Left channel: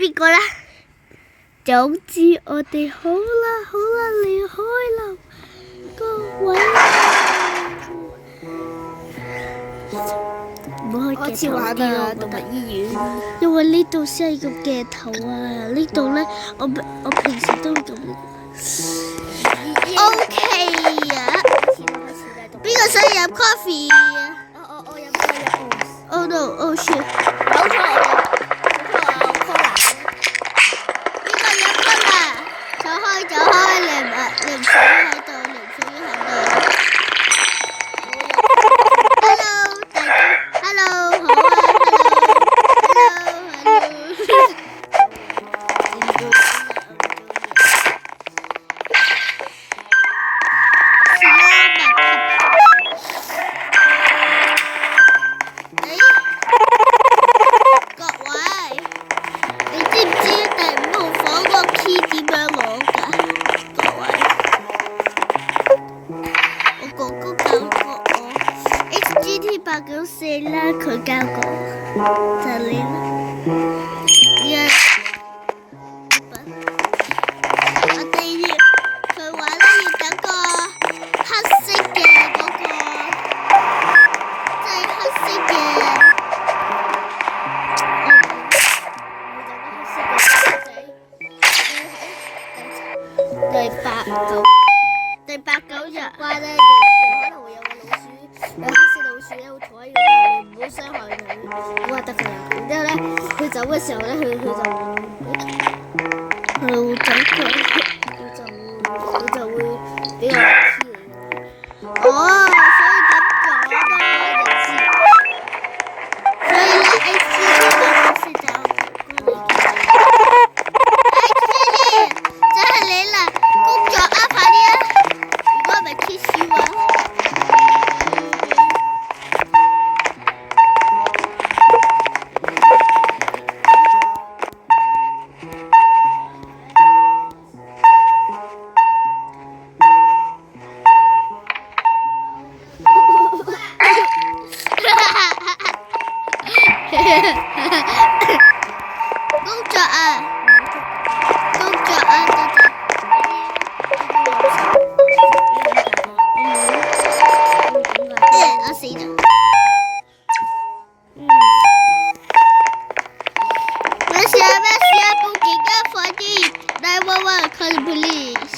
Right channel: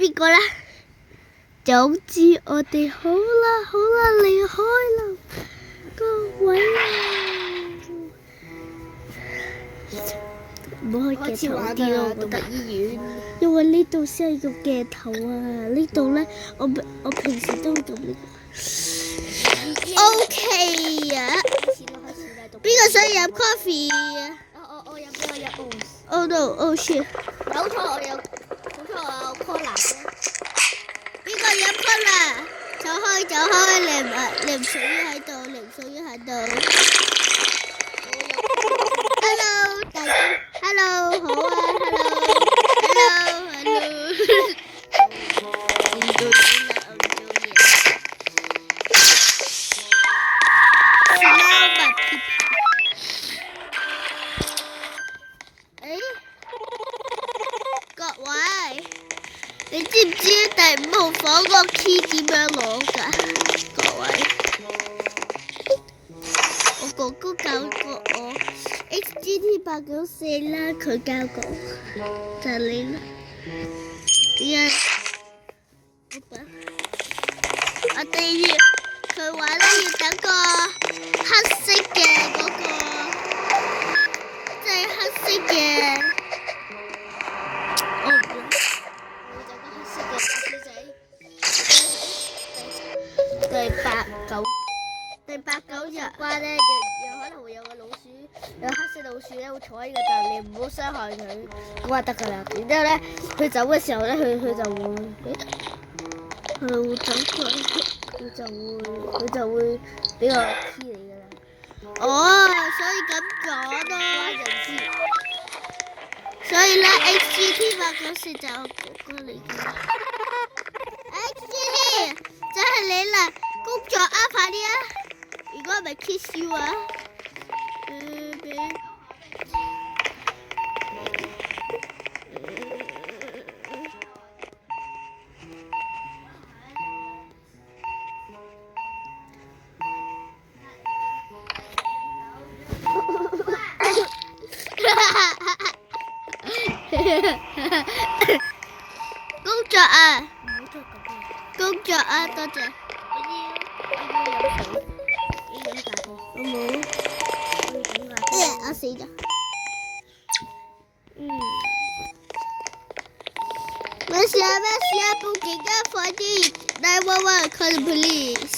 邊個啦？總之我哋好啦好啦離開啦，各位唔好開鏡頭啲咯，我覺得醫院，因為呢度先係個鏡頭啊，呢度咧我平時都會咁呢個。OK 啊，邊個想飲 coffee 啊？我飲。Oh no! Oh shit! 走開！你唔屬於喺度，你唔屬於喺度。Hello， 大家 ，Hello， 好啊 ，Hello， 我唔做嘢啦，我唔做嘢。Smell my pee。各位，你知唔知第5號房個 key 點樣攞㗎？894啦，佢教過，就你啦。我哋要佢話咧要等個黑色嘅嗰個，即係黑色嘅。第八九日話咧，喺度有個老鼠，有黑色老鼠咧，會坐喺個度，你唔好傷害佢。我話得㗎啦。然之後咧，佢走嘅時候咧，佢就會走佢就會俾我黐你㗎。哦，所以咁講咯，就知。所以咧，HGT 嗰時就HGT 就係你啦，工作啊，快啲啊！如果唔係 kiss you 啊！工作啊！工作啊！多謝。我死咗。咩事啊？報警啊！快啲！911 call the police。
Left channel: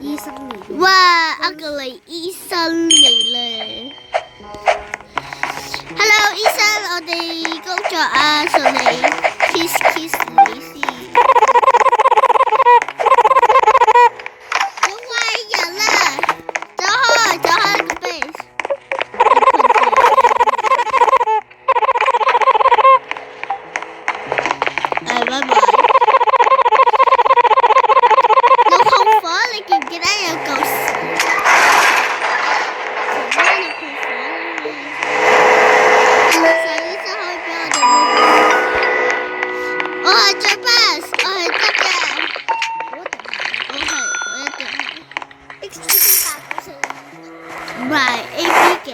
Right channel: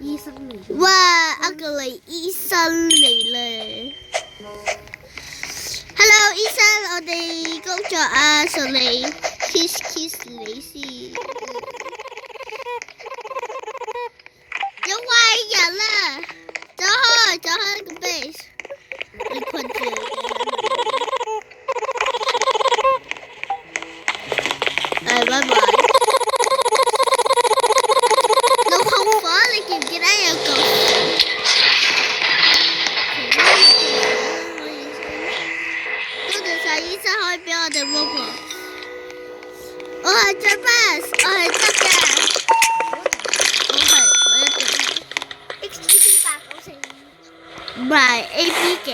醫生嚟。哇！ugly 醫生嚟啦。Hello， 醫生，我哋工作啊，順利 kiss 你先。有壞人啦！走開個 base。拜拜。有控火，你記唔記得有舊時？我係最 best， 我係得嘅。我一定係。唔係 AB 幾？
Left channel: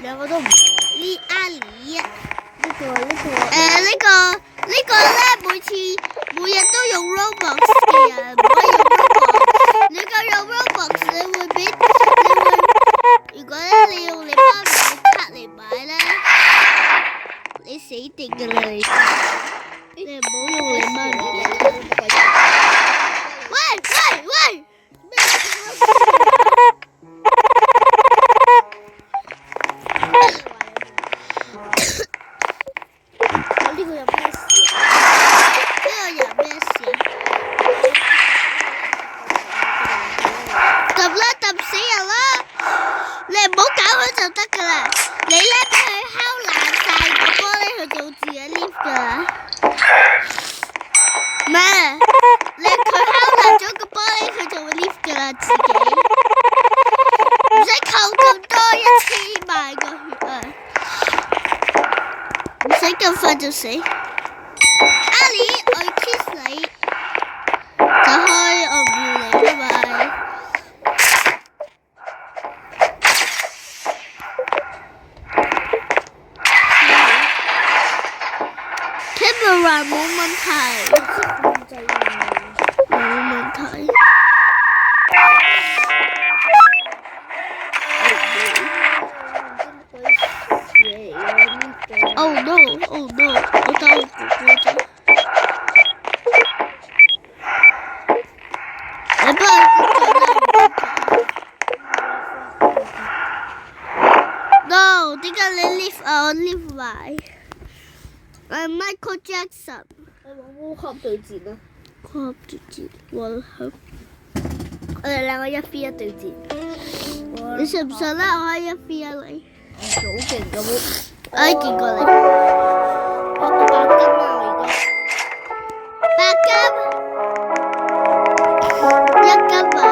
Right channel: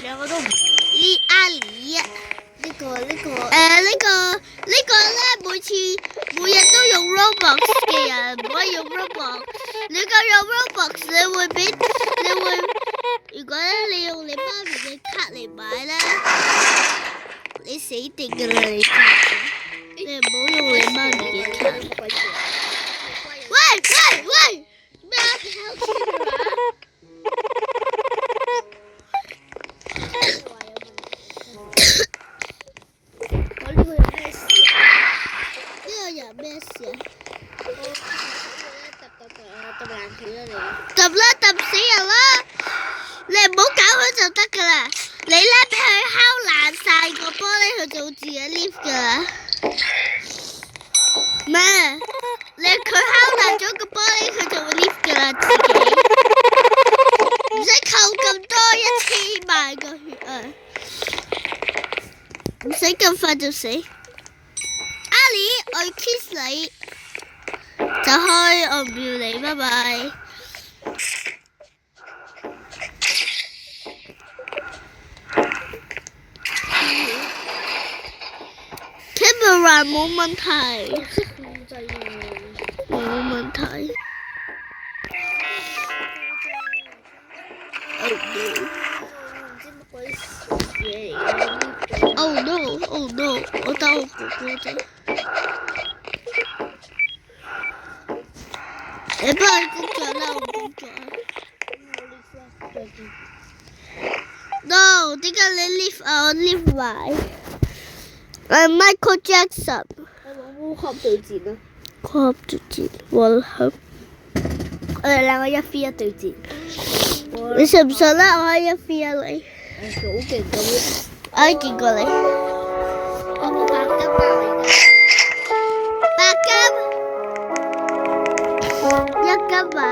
兩個都唔係。呢阿里。呢個咧，每日都用 Roblox 嘅人唔可以用 Roblox。你夠用 Roblox， 如果咧你用你媽咪嘅卡嚟買咧，你死定㗎啦你知。你唔好用你媽咪嘅卡。喂！咩啊？呢個人咩事啊？揼死人啦！你唔好搞佢就得㗎啦。你咧俾佢敲爛晒個玻璃，佢就自己 lift 㗎啦。咩？佢敲爛咗個玻璃，佢就會 lift 㗎啦，自己唔使扣咁多1000萬個血啊！唔使咁快就死。阿里，我要 kiss 你，走開，我唔要你，拜拜。Camera 問題，冇問題。Oh no! Oh no! 我打我哥哥啫。我幫佢做啦。No！ 點解你 lift 啊？我 lift 埋。Michael Jackson。我冇合對戰啊！合對戰，混合。我哋兩個1v1對戰。你信唔信咧？我可以1v1你。好勁咁。我可以見過你。我個白金啊！白金。1金啊！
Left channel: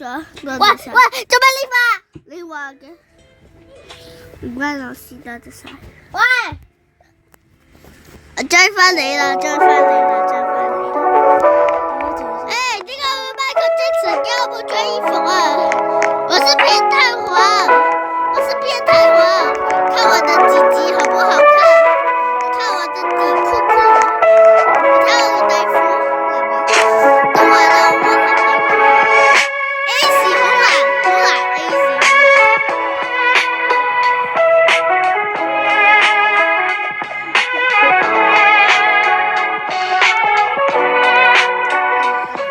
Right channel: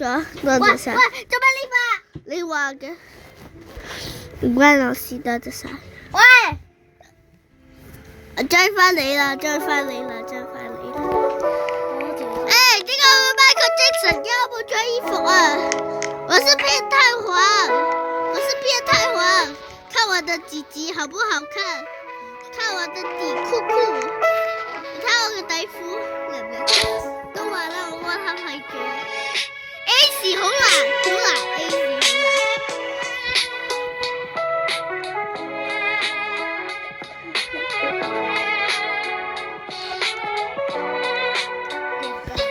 喂，做咩呢塊？你話嘅，唔關我事得啫晒。喂，我追翻你啦！追翻你啦！哎，點解我 Michael Jackson 要不穿衣服啊？我是變態王，看我的雞雞好不好看？看我的底褲褲，看我的內褲。都話啦，我睇內褲。AC 好難 AC 好難。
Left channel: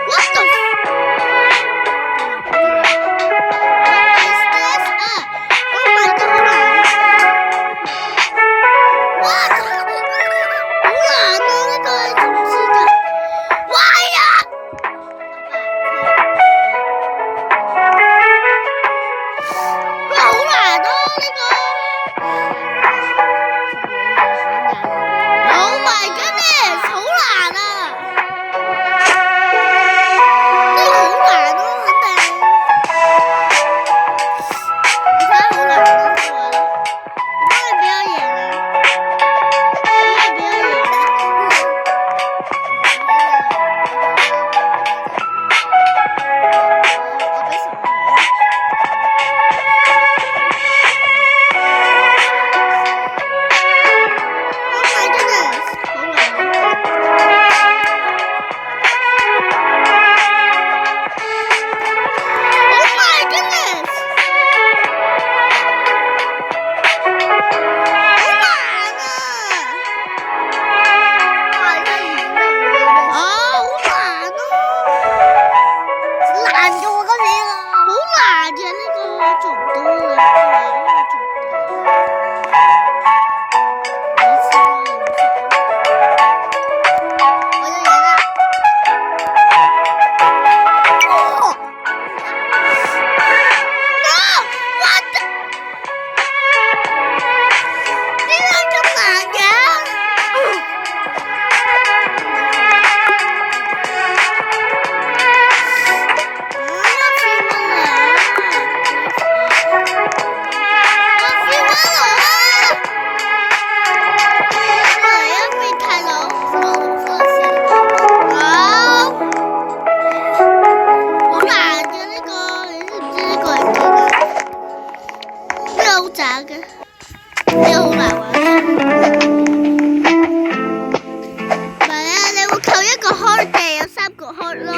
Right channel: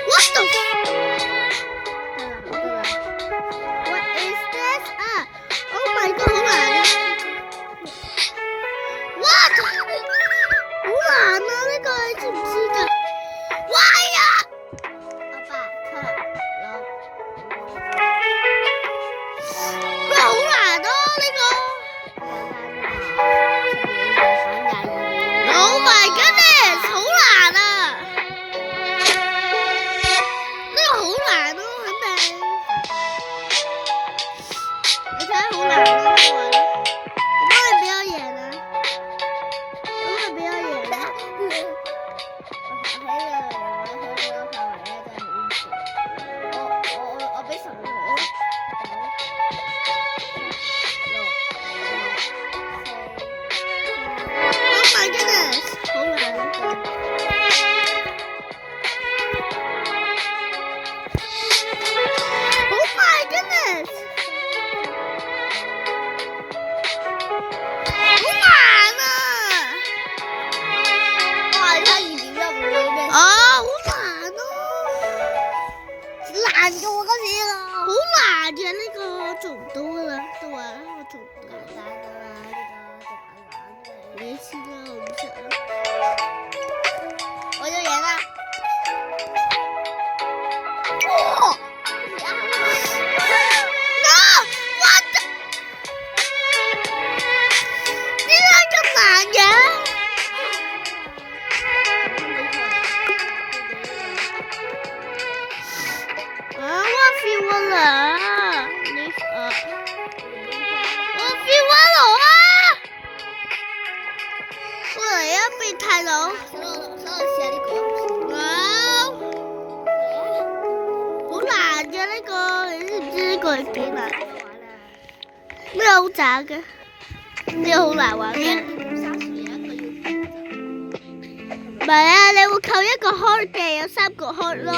What the? What is this? Oh my god! What? 渣嘅，呢個好難玩嘅。唔係啊，你會扣一個 heart 嘅，有3個 heart 咯。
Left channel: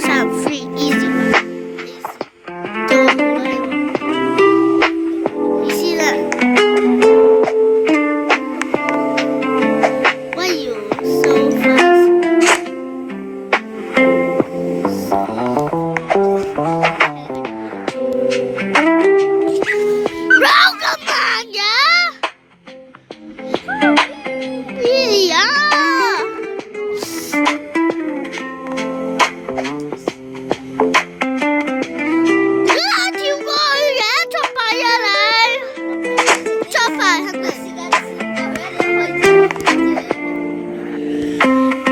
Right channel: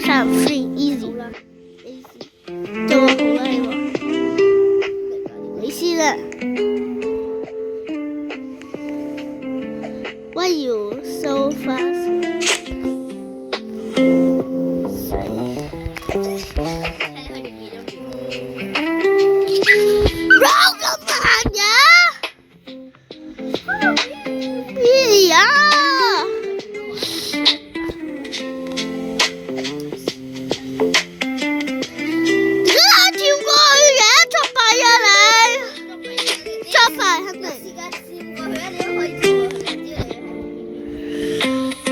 3 free easy， 做我好啦你話。你先啦。Why you so fast？ Roll 咁慢嘅？咦呀！點解我跳過去嘅？作弊啊你！作弊肯定。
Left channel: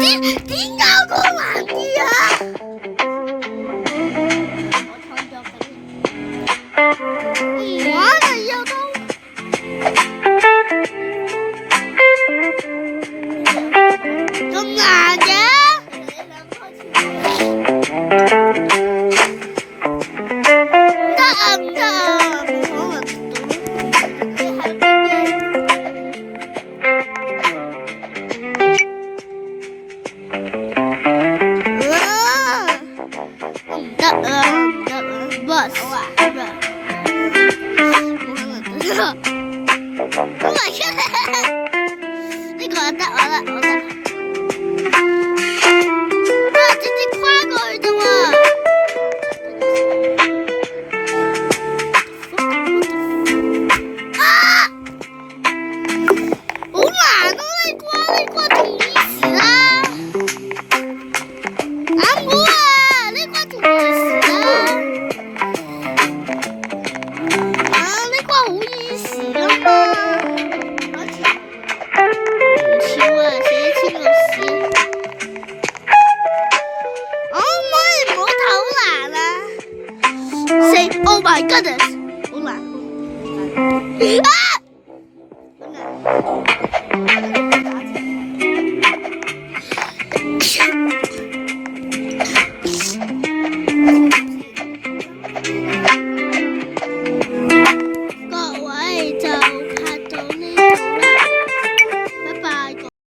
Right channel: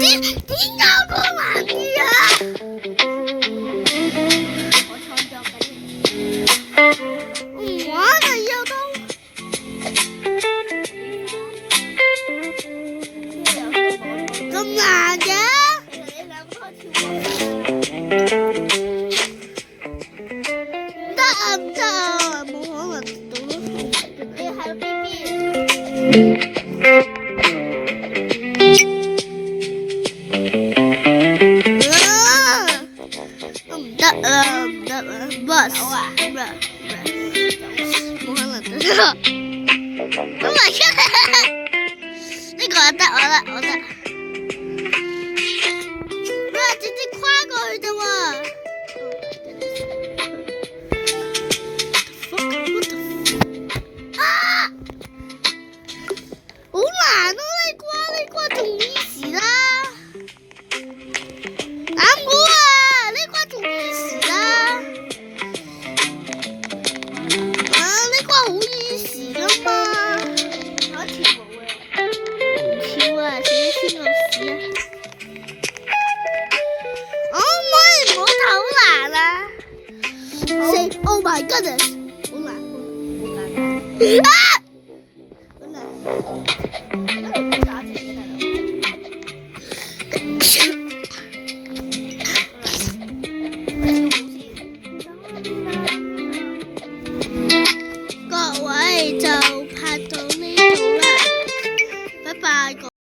點解我難啲啊？唔玩啊又都。咁難嘅？唔得啊唔得啊，冇可能唔得啊唔得啊 ，boss， 冇可能得。Oh my god！ 呢個得我得。直接跨過去啫喎。啊！好難啊！呢關仲 easy 啦。啱我啊！呢關仲 easy 啦。呢關好 easy 噶嘛。唔跳啊！死咗千個屎啊！Oh my goodness！ 好難啊！好難。各位就